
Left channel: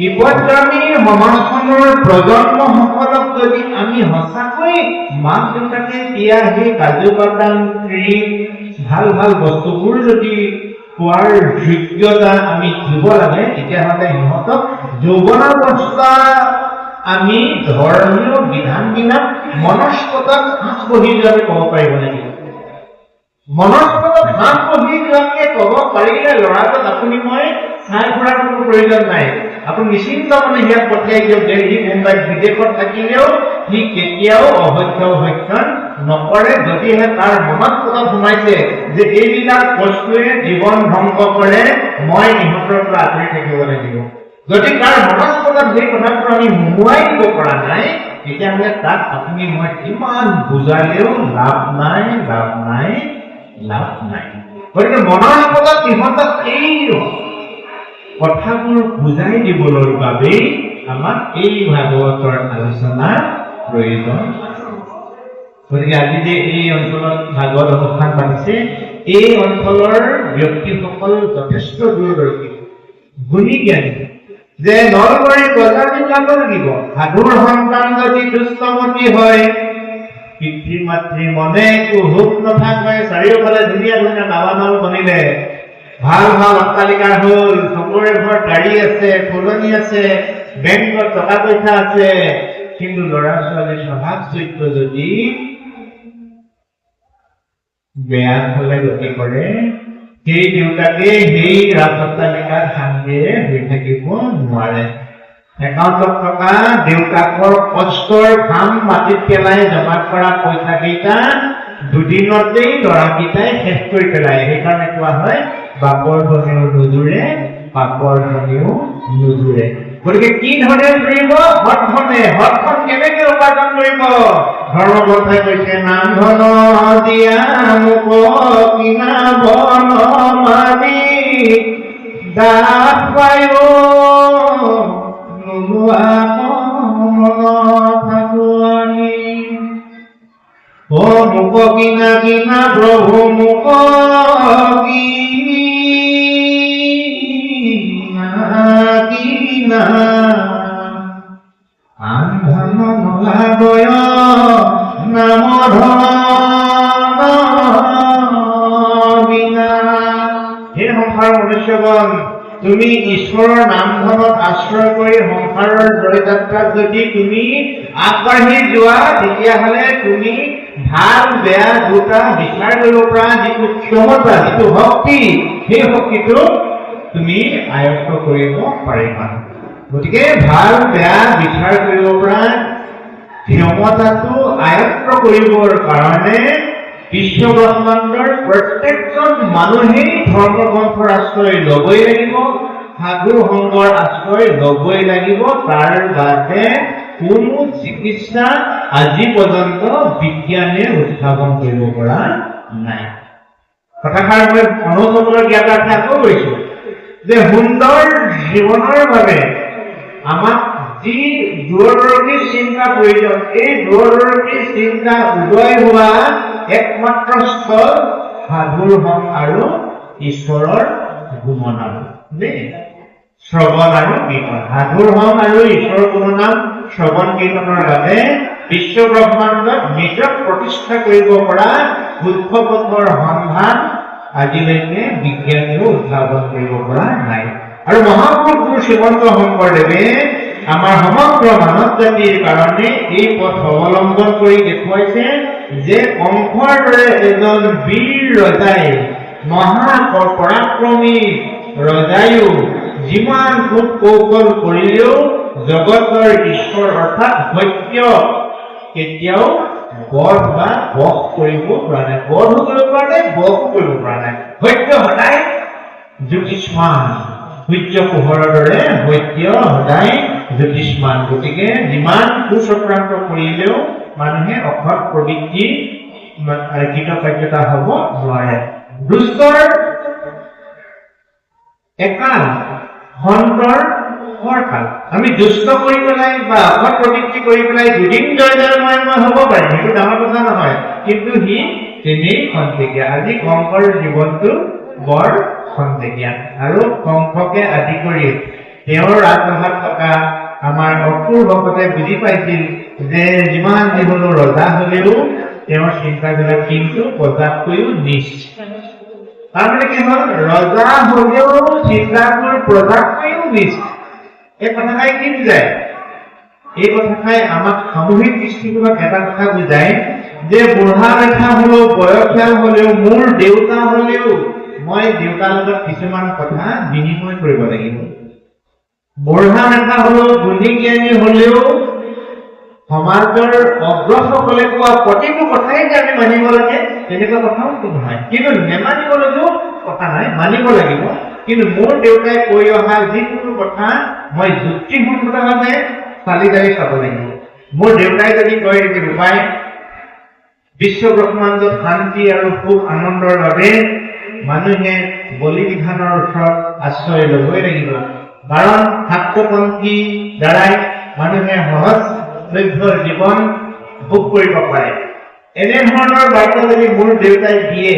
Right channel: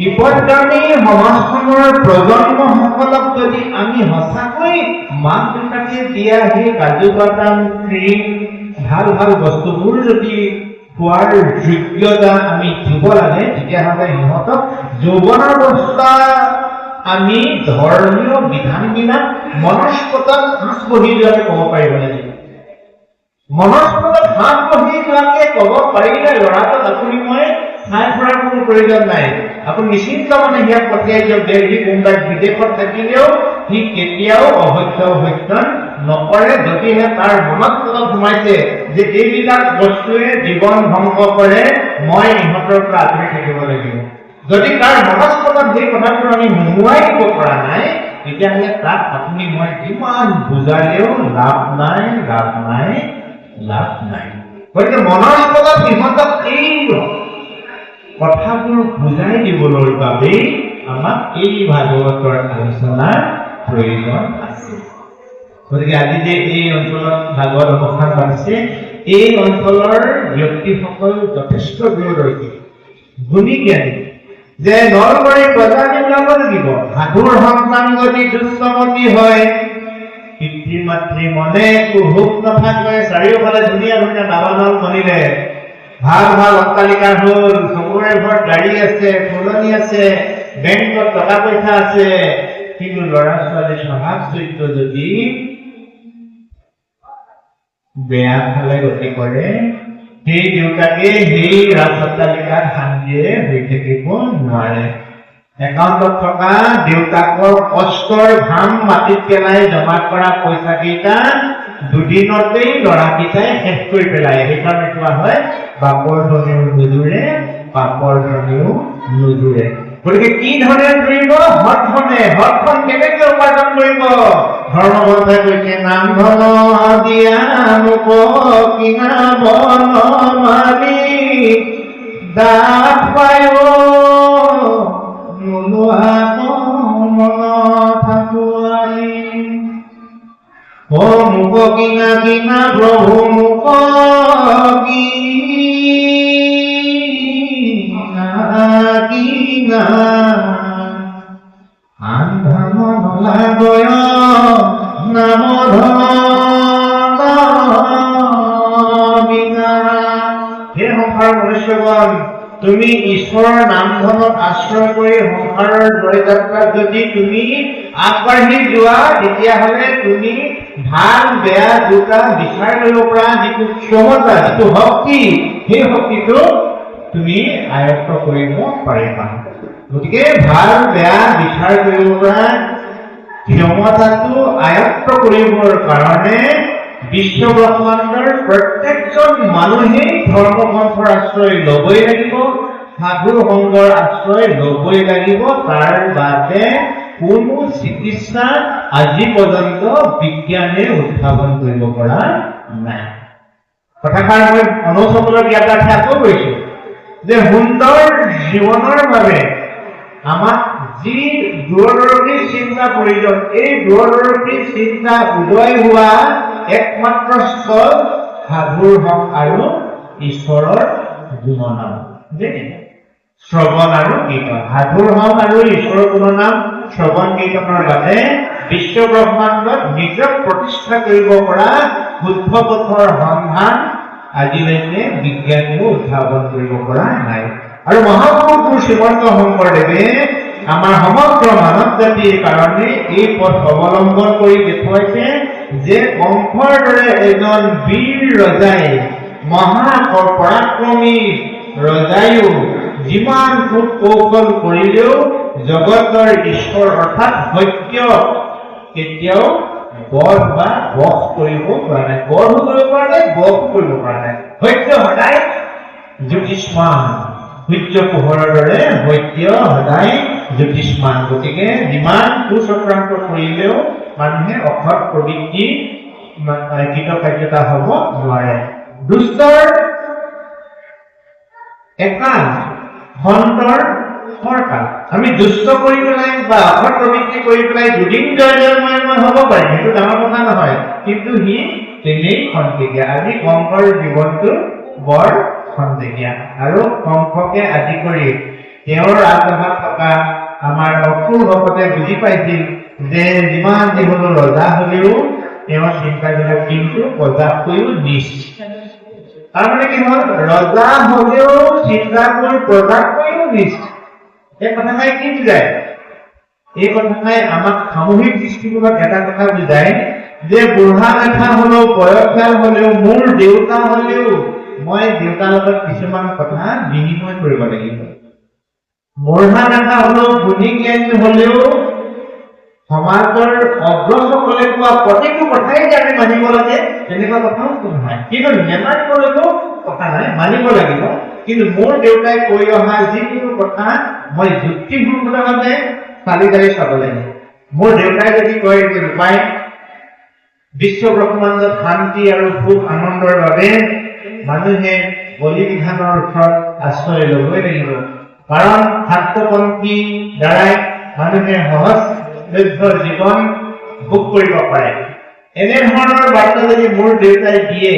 বিপদগামী সমাজখনৰ প্ৰজন্মসকলক যদি আমি সঁচাকৈ মাক দেউতাকে দিয়া সেই কাজু বাদাম, ক্ৰীম, ভাল ভাল বস্তুবোৰ যদি খোৱাৰ যোগ্যতা আমি দিব লাগে, তেতিয়াহ'লে সিহঁতক যৌৱন অৱস্থা আমি ধৰ্মীয় বিধানবিলাক মনস্কতাত সাঁচ বহি যোৱাকে ক'ব পাৰিব লাগিব। মনস্কতাত সাঁচ বহি যোৱাকে ক'ব পাৰিলে ল'ৰাটোক আপুনি মই চাই ফুৰাৰ কোনো প্ৰয়োজন নাই। আপুনি নিশ্চিন্ত মনে ইয়াত পঠিয়াই দিয়ক, দেলহি, মুম্বাই, বিদেশত থাকিলেও সি কেতিয়াও অভক্ষণ নকৰে, যদিহে তাৰ মনত কথা সোমাইছে যে এইবিলাক বস্তুৱে জীৱন ধ্বংস কৰে, মই ইহঁতৰ পৰা আঁতৰি থাকিব লাগিব। যদি তাৰ মনস্কতাত সেই কথাটো আমি মোহাই দিব পৰা নাই, তেতিয়াহ'লে তাক আপুনি মই কিমান বুজালেও লাভ নাই। গতিকে মনৰ লগত সিহঁতক এই কথাবোৰ বুজাই দিবলৈ বাবেই আমাক এই ভাগৱতৰ আলোচনা প্ৰয়োজন আছে। গতিকে আজি যে এই অঞ্চলত ভাগৱত অনুষ্ঠান পাতিছে, এই অঞ্চলৰ ব্যক্তিসকল যথেষ্ট দূৰদৰ্শী, গুণী জ্ঞানী, যে নলবাৰী প্ৰজাতি ওলাব লাগিব। সাধুৰ সন্তান যদি দুষ্টমতী হয়, পিতৃ মাতৃ মনে একো সুখ নাথাকে, চাৰিওফালে ধুনীয়া ধুনীয়া দালাল বনিলে, ভাল ভাল অট্টালিকা হ'ল, চবৰে ঘৰত গাড়ী আছে, ফুলনি আছে, বেংকত টকা পইচা আছে, কিন্তু ল'ৰা ছোৱালীৰ স্বভাৱ চৰিত্ৰ যদি বেয়া ফালে গতি কৰে, সেই দেউতাকে সেই ৰাজঅট্টালিকাত শান্তিৰে হৈ থাকিব নোৱাৰে। একাউণ্টত থকা দেউতাকৰ কষ্টৰ ঘাম মাটিত পেলাই জমা কৰা পইচা কেইটা দুদিনতেই ল'ৰাকেইটাই শেষ কৰি পেলায়। সেইকাৰণে কোৱা হয়, বাপৰ ধনীও নুজুৰে, পাপৰ ধনীও নুজুৰে। গতিকে কি ধৰণে কৰিব? সৎ ধনে। সৎখন কেনেকে উপাৰ্জন কৰিব? ধৰ্মগ্ৰন্থই কৈছে, নাম ধন দিয়া মোক কিনা বন মাৰি দাস পায় নোলোৱা মন থাকো আমি। ও মোক কিনা কিনা প্ৰভু মোক কিনা আন ধন নোলাবয় নাম ধন বিনা। হে সংসাৰ মনুষ্যগণ, তুমি ঈশ্বৰৰ নামখনক আশ্ৰয় কৰি সংসাৰৰ জয়যাত্ৰাত যদি তুমি আগবাঢ়ি যোৱা তেতিয়াহ'লে তুমি ভাল বেয়া দুটা বিচাৰ কৰিব পৰা যিটো ক্ষমতা যিটো শক্তি সেই শক্তিটো তুমি আয়ত্ত কৰিব পাৰিবা গতিকে ভাল বেয়া বিচাৰ কৰিব পৰা ক্ষমতাটো আয়ত্ত কৰিবৰ কাৰণে বিশ্বব্ৰহ্মাণ্ডৰ প্ৰত্যেকজন মানুহেই ধৰ্মগ্ৰন্থৰ আশ্ৰয় ল'বই লাগিব সাধু সংগৰ আশ্ৰয় ল'বই লাগিব তাৰ বাবে কোনো চিকিৎসা আজি পৰ্যন্ত বিজ্ঞানে উদ্ভাৱন কৰিব পৰা নাই কথাষাৰ মই অনুচৰলৈ জ্ঞাত আকৌ কৈছো যে সুন্দৰ জীৱনৰ বাবে আমাক যি দূৰদৰ্শী চিন্তা প্ৰয়োজন এই দূৰদৰ্শী চিন্তা উদয় হোৱা একমাত্ৰ স্থল সাধুৰ হক আৰু ঈশ্বৰৰ গুণনাম শ্ৰৱণ আৰু কীৰ্তন সাধুৰ হক আৰু ঈশ্বৰৰ গুণনাম শ্ৰৱণ কীৰ্তনৰ বাবে বিশ্বব্ৰহ্মাণ্ডত নিজক প্ৰতিষ্ঠা কৰিব পৰা শুদ্ধ পথৰ সন্ধান আজিলৈকে বিজ্ঞানেও উদ্ভাৱন কৰিব পৰা নাই আৰু মহাপুৰুষ শ্ৰীমন্ত শংকৰদেৱে আমাৰ সমগ্ৰ মানৱ জাতিৰ কাৰণে এই পথ অৱলম্বন কৰি দেখুৱাইছে যে কংসৰ দৰে এজন বীৰ ৰজাই মহাপৰাক্ৰমী ৰজায়ো যিমান খুব কৌশল কৰিলেও জগতৰ ঈশ্বৰ অৰ্থাৎ সত্য কেতিয়াও বধ বা বশ কৰিব পৰা নাই বধ কৰিব পৰা নাই বশ কৰিব পৰা নাই সত্য সদায় জ্যোতিষ্মান সূৰ্য পোহৰৰ দৰে সত্য সদায় জ্যোতিষ্মান গতিকে যিমান কুচক্ৰান্ত কৰিলেও মানুহে অসৎ প্ৰবৃত্তি কৃতকাৰ্যতা হ'ব নোৱাৰে দুষ্টৰ একাল সন্তৰ সৰকাল আমি দুষ্ট কৰি পেলাই বা অসৎ প্ৰবৃত্তি কৰি পেলাই দুদিন জয় হ'ব পাৰে সেইটো ডাঙৰ কথা নহয় কিন্তু সি তেনেই খন্তেকীয়া আজি কংসৰ জীৱনটো বৰ খন্তেকীয়া আৰু কংসকে আদি কৰি তেওঁৰ ৰাজসভাত থকা আমাৰ অসুৰ ভকতে বুজি পাইছিল যে যিমান যিকোনো ৰজা হলেও তেওঁৰ চিন্তাবিলাক কিন্তু প্ৰজাতকৈও নিচ তাৰমানে কি হ'ল ৰজা হলেও চিন্তাবোৰ প্ৰজাতকৈও নিচ এই কথাষাৰে কি বুজায় এই কথাষাৰে আমাক সামূহিক দৃষ্টিকোণত এটা কথা বুজায় যে বুঢ়া লেখা হলেও বয়সীয়াল হলেও মোৰ দেউতা হলেও মই দেউতাৰ লগত কিছুমান কথা বিনিময় কৰিব লাগিব বুঢ়া লেখা হলেও গুণী জ্ঞানী হলেও সমাজৰ অগ্ৰসকলে কোৱা প্ৰতিটো কথাই যে আমি মানিব লাগে তেনেকুৱা কথাও নহয় কিন্তু নেমানিবলৈও কথা নাই মানিব লাগিব কিন্তু মোৰ দেউতাই কৈ অহা যিকোনো কথা মই যুক্তিসংগতভাৱে চালি জাৰি চাব লাগিব মোৰ দেউতাই যদি কয় যে উপায় বিশ্বব্ৰহ্মাণ্ডত শান্তি আৰু সুখ আনন্দৰ বাবে মানুহে বলি বিধানৰ ওচৰত আশ্ৰয় ল'বই লাগিব কাৰণ শাক্তপন্থী দ্বাৰাই মানুহে সহজলভ্য জীৱন ভোগ কৰিব পাৰে এনেধৰণৰ বাৰ্তা যদি মোৰ দেউতাই দিয়ে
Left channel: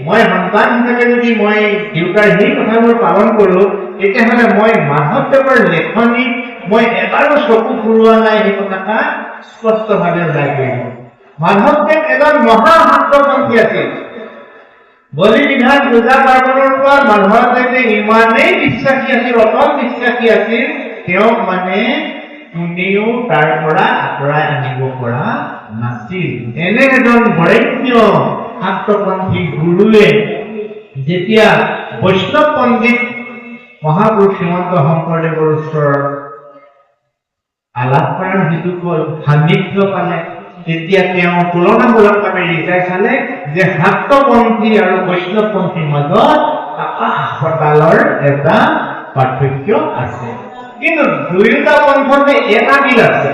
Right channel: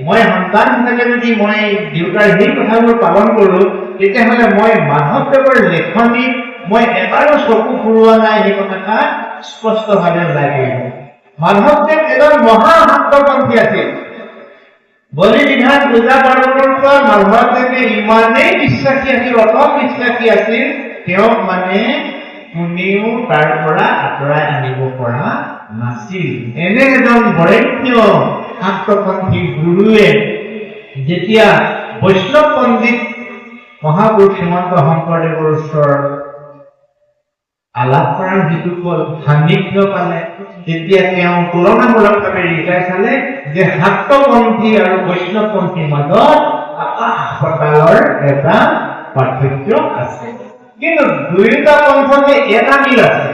মই সন্তান হিচাপে যদি মই দেউতাৰ সেই কথাবোৰ পালন কৰোঁ তেতিয়াহ'লে মই মাধৱদেৱৰ লেখনিত মই এবাৰো চকু ফুৰোৱা নাই সেই কথা স্পষ্টভাৱে ওলাই কৰিব মাধৱদেৱ এজন মহা শাক্তপন্থী আছিল বলি বিধান পূজা পাৰ্বণৰ পৰা মাধৱদেৱে ইমানেই বিশ্বাসী আছিল অটল বিশ্বাসী আছিল তেওঁক মানে কোনেও তাৰ পৰা আঁতৰাই আনিব পৰা নাছিল এনে এজন বৰেণ্য শাক্তপন্থী গুৰুৱে যেতিয়া বৈষ্ণৱ পণ্ডিত মহাপুৰুষ শ্ৰীমন্ত শংকৰদেৱৰ ওচৰত আলাপ কৰাৰ যিটো সান্নিধ্য পালে তেতিয়া তেওঁ তুলনামূলকভাৱে ৰিজাই চালে যে শাক্তপন্থী আৰু বৈষ্ণৱপন্থীৰ মাজত আকাশ পাতালৰ এটা পাৰ্থক্য আছে কিন্তু দুয়োটা পন্থতে এটা মিল আছে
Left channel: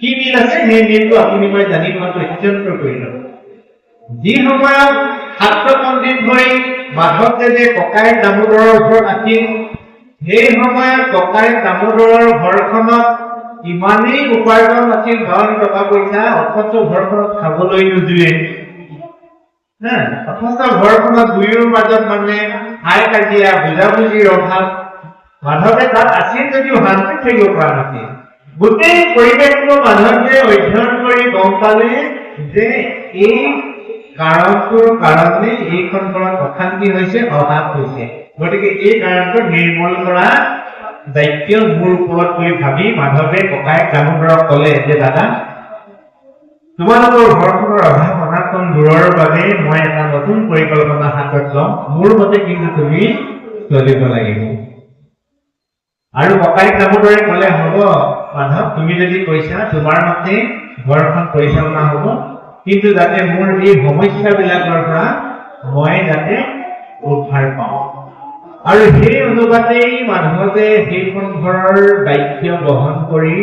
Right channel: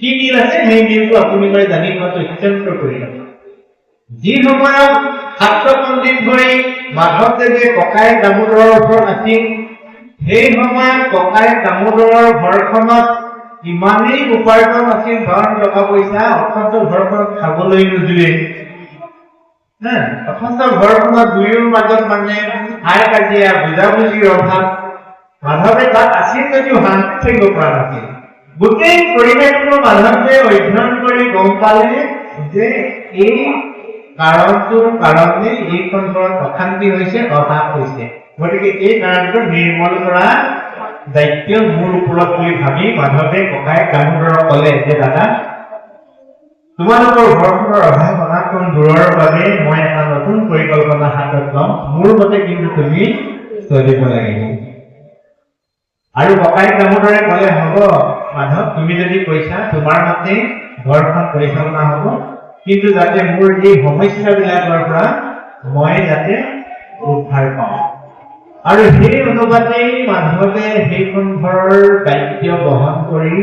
কি মিল আছে সেই মিলটো আপোনালোকে জানি লোৱাটো অত্যন্ত প্ৰয়োজন যি সময়ত শাক্তপন্থীত হৈ মাধৱদেৱে ককায়েক দামোদৰৰ ওপৰত আছিল সেই সময়ত ককায়েক দামোদৰৰ ঘৰখনত ইমানেই উপাৰ্জন আছিল ধন টকা পইচা অথচ ঘৰখন খাবলৈ নোজোৰে অথচ ঘৰখনত দুয়োৰ মাজত মানে হাই কাজিয়া বুজাবুজিৰ অভাৱ মাধৱে তাত আছিল যদিও শান্তি থাকিব পৰা নাছিল গোটেই পৰিৱেশটো মাধৱে অধ্যয়ন কৰি গম পালে যে এই কাৰণটোৰ কাৰণে এই খণ্ডত অশান্তি হৈছে অভাৱ হৈছে গতিকে এই কাৰণটো নিৰ্মল কৰা দায়িত্ব মোৰ ওপৰত বুলি ভাবি মাধৱে ককাই দামোদৰক ক'লে যে দাদা তোমালোকৰ ঘৰখনৰ অভাৱ অনাটন দূৰৰ বাবে মই এটা নতুন পৰিকল্পনা হাতত ল'ম মোৰ মতে কিন্তু তুমি চলিব লাগিব আৰু ককাই দামোদৰে ক'লে হ'ব মাধৱ তুমি যদি কৈছা তোমাৰ মতে ঘৰখন পৰিচালনা হ'ব কিন্তু যাতে মোৰ এই সমস্যাবিলাকৰ পৰা মই যাতে উদ্ধাৰ পাওঁ আৰু সেই অনুপাতেই মাধৱে সেইখন ঘৰৰ দায়িত্ব বহন কৰি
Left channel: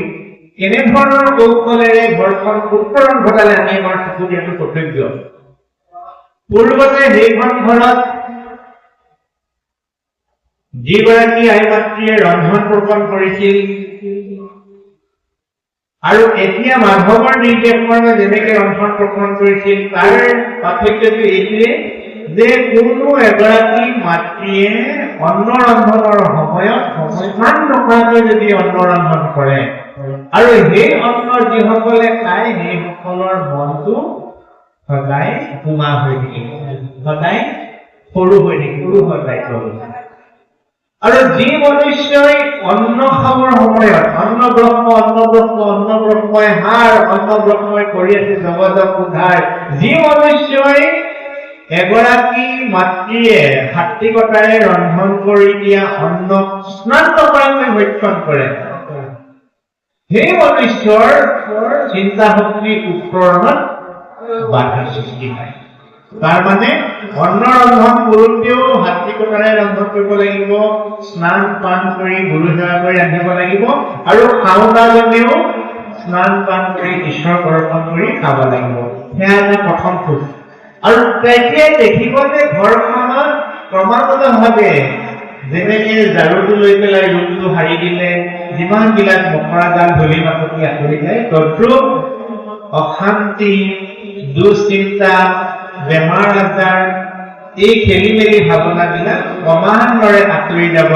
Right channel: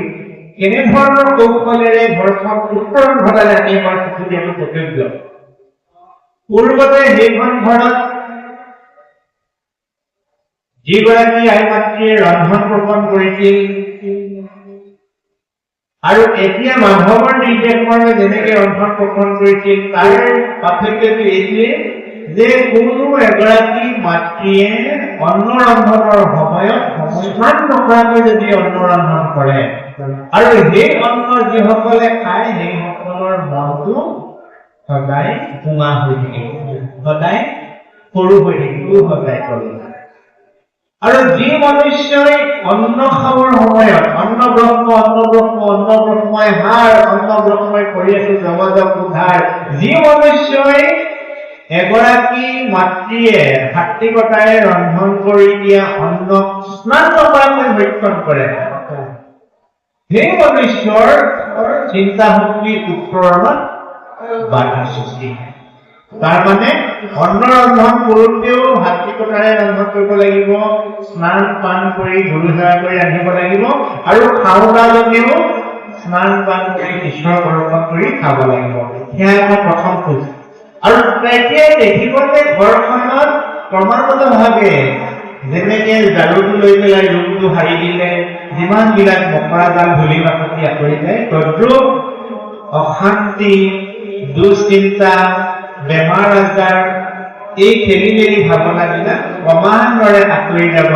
এনেধৰণৰ কৌশলেৰে ঘৰখন উত্তৰণ ঘটালে আমি আমাৰ চকু দিয়াটো কৰ্তব্য পূৰ্বতে সেইখন ঘৰত যিগৰাকী আই মাতৃয়ে ৰন্ধন প্ৰকৰণ কৰিছিল আৰু এতিয়া মাধৱৰ নিৰ্দেশমৰ্মে যেনেকৈ ৰন্ধন প্ৰকৰণ কৰিছিল তাৰ পাৰ্থক্যটো এইটোৱে যে কোনো এগৰাকী মাতৃয়ে অন্ন ৰন্ধনৰ সময়ত সমস্যান নকৰাকৈ যদি অন্ন ৰন্ধন কৰে আৰু সেই অন্ন যিসকলে খায় সেইসকলৰ মনটো সদায় কোমল হৈ থাকিব সদায় সৰু হৈ থাকিব সদায় সৰু আৰু যি মনুষ্যই অন্ন খাবৰ সময়ত অন্নব্ৰহ্মই হাড় অন্নব্ৰহ্মই কৰি আছে জগতক উদ্ধাৰ যি মনুষ্যই এগৰাকী মাতৃয়ে ভাতৃকতাৰে ৰন্ধন কৰি দিয়া অন্নক স্নান নকৰাকৈ ভক্ষণ কৰে সেই মনুষ্যৰ চিন্তা শক্তি উত্তৰণত বাধা সৃষ্টি হয় তাৰমানে অন্ন ৰন্ধন কৰোঁতেও ভাতৃকতাৰে ৰন্ধন কৰিব লাগিব স্নান পান কৰি গুৰু সেৱা কৰি ৰান্ধিব লাগিব আৰু খাওঁতাজনেও স্নান পান কৰি ঈশ্বৰক অৰ্পণ কৰি খাব লাগিব সেয়া আমাৰ প্ৰথম খোজ আৰু তেতিয়াই দেখিব যে ঘৰখনত ক্ৰমাগতভাৱে যেনেকে ঝাৰুটো লৈ পেলাই ৰুমটো সাৰি দিলে যিমানবিলাক মকৰা জাল ধূলি মাকতি আঁতৰি যায় তদ্ৰূপ অশান্তি দুশ্চিন্তা বেমাৰ আজাৰ এই খেলি মেলি ভাৱনাবিলাক ক্ৰমান্বয়ে আঁতৰি যাব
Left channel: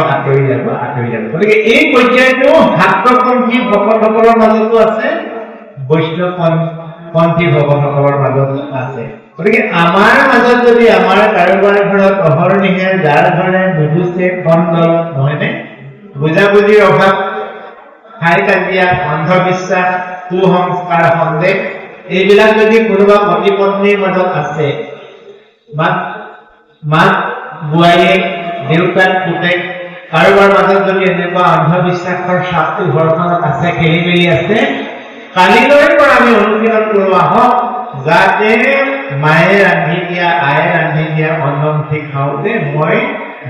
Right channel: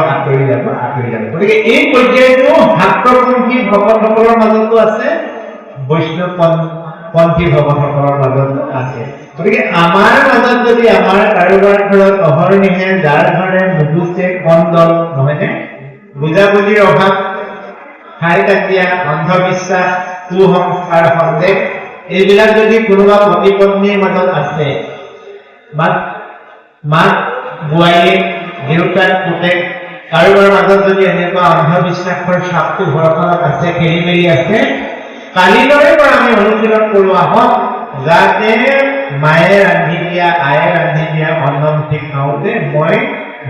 গতিকে এই পৰ্যায়টো শাক্তপন্থী ভকতসকলৰ মাজতো আছে বৈষ্ণৱপন্থী ভকতসকলৰ মাজতো আছে গতিকে আমাৰ মাজত যদি আমাৰ কাৰোবাৰ ঘৰত অহৰ্নিশে যাৰ ঘৰে নুগুচে কন্দল নহয়নে বুজাবুজিৰ অভাৱ হাই কাজিয়া অন্ধবিশ্বাস কুসংস্কাৰ সন্দেহ এইবিলাক যদি কোনোবা পতি পত্নীৰ মাজত আছে মাক বোৱাৰীয়েক দেউতাক পুতেক কাৰোবাৰ মাজত যদি এনেকুৱা অন্ধবিশ্বাসৰ চাপটো ঘৰখনত আছে খেলি মেলি আছে কালিলৈৰ পৰা আমি অনুশীলন কৰোঁ আহক যাতে মায়ে ৰান্ধি দিয়া আয়ে ৰান্ধি দিয়া অন্নমুঠি খাওঁতে মই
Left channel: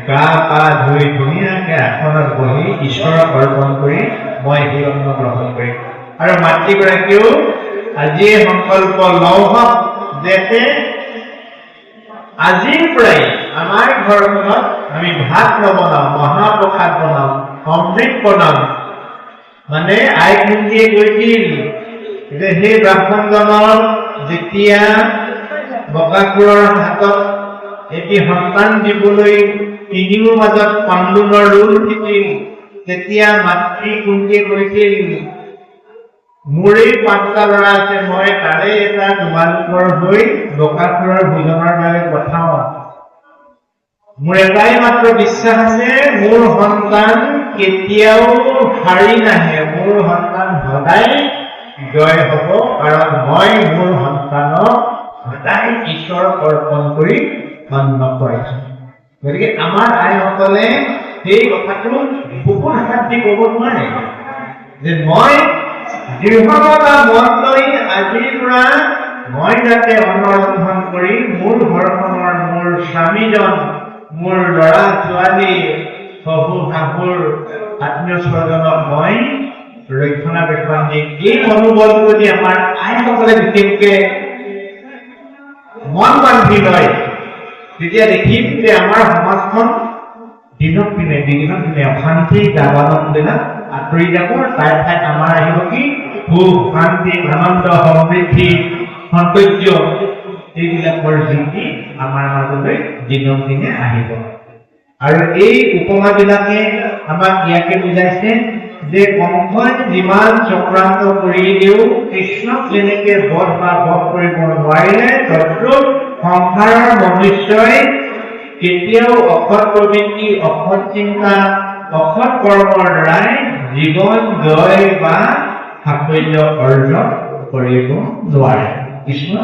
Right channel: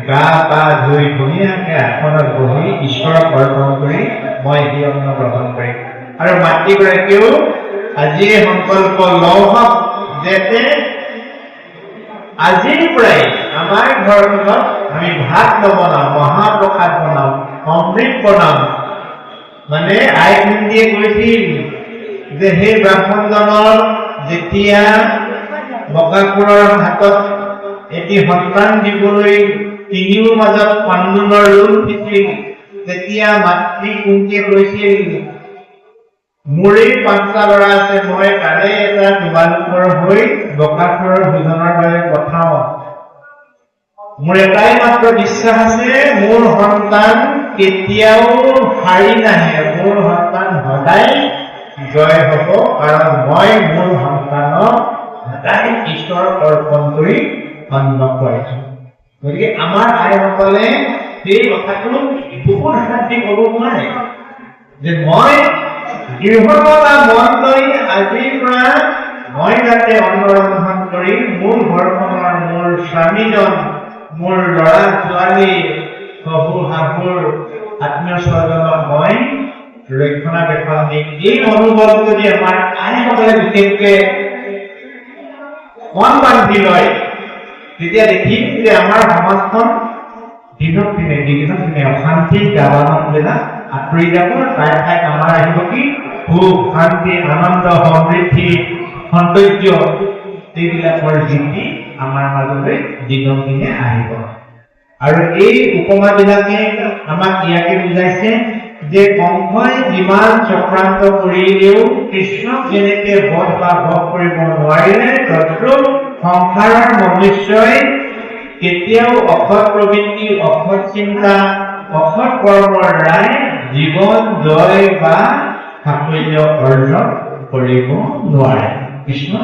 গা পা ধুই ধুনীয়াকৈ আসনত বহি ঈশ্বৰক অৰ্পণ কৰি মই সেই অন্ন গ্ৰহণ কৰিম আৰু মাতৃগৰাকীয়েও আজিয়ে সংকল্প লওক যাতে আজিৰ পৰাই আমাৰ ঘৰখনত আমি ভাত নবনাম মহাপ্ৰসাদ বনাম অমৃত বনাম মানে আই ভণ্টিয়ে কৈছিল যে সেই ব্ৰাহ্মণজনৰ যেতিয়া বকাসুৰৰ হাতত এটি সন্তান দিবলৈ তিনিওৰ মাজত পাণ্ডুনৰ ৰোল দিছিল তেতিয়া মাতৃ কুন্তীয়ে কৈছিল মোৰে ৫টা ল'ৰা আছে মই তাৰে এটা তোমালোকৰ হৈ বকাসুৰৰ ভোজনৰ বাবে পঠাওঁ মোৰ এটাই মাত্ৰ বিশ্বাস আছে মোৰ সন্তান কেতিয়াও হাৰি নাহে মোৰ সন্তান সদায় জয় হ'ব কাৰণ মই মোৰ সন্তানক সদায় ঈশ্বৰক অৰ্পণ কৰি অন্ন কৰিছো গতিকে আমাৰ আইসকলে সেই কথাটো বুকুৰ হাত দি ক'ব নোৱাৰে যে মই দৃঢ়তা মন লৈ আজিৰ পৰা মই যাতে অন্ন ৰন্ধন কৰি মোৰ ঘৰখনৰ মোৰ স্বামীজন মোৰ ল'ৰা ছোৱালী শহু শাহুৰ আত্মীয় স্বজনক মই ৰক্ষণাবেক্ষণ দিম এই মনোভাৱ যদি আমাৰ আইসকলে বিশেষকৈ মন বান্ধি লয় তেতিয়া দেখিম যে আমাৰ সমাজখন দিনক দিনে অশান্তি দাবানবিলাক আঁতৰি যাব তাৰ ঠাইত আমাৰ আহিব কি সুখ শান্তি আনন্দ সমৃদ্ধি সৌন্দৰ্য এইবিলাকৰ জ্যোতি আমাৰ মাজলৈ দিনক দিনে আহিব আৰু এই উপমাবিলাকে আমাক ইয়াকে বুজাইছে যে কংসই যিমান চক্ৰান্ত কৰিলেও কৃষ্ণক যেনেকে বধ কৰিব নোৱাৰিলে তদ্ৰূপ সংসাৰৰ মনুষ্যই কেতিয়াও অসৎ প্ৰবৃত্তি, অসৎ চিন্তা, অসৎ কৰ্মৰ দ্বাৰাই জীৱন জয় বা সাফল্য অৰ্জন কৰিব নোৱাৰে। কৃষ্ণ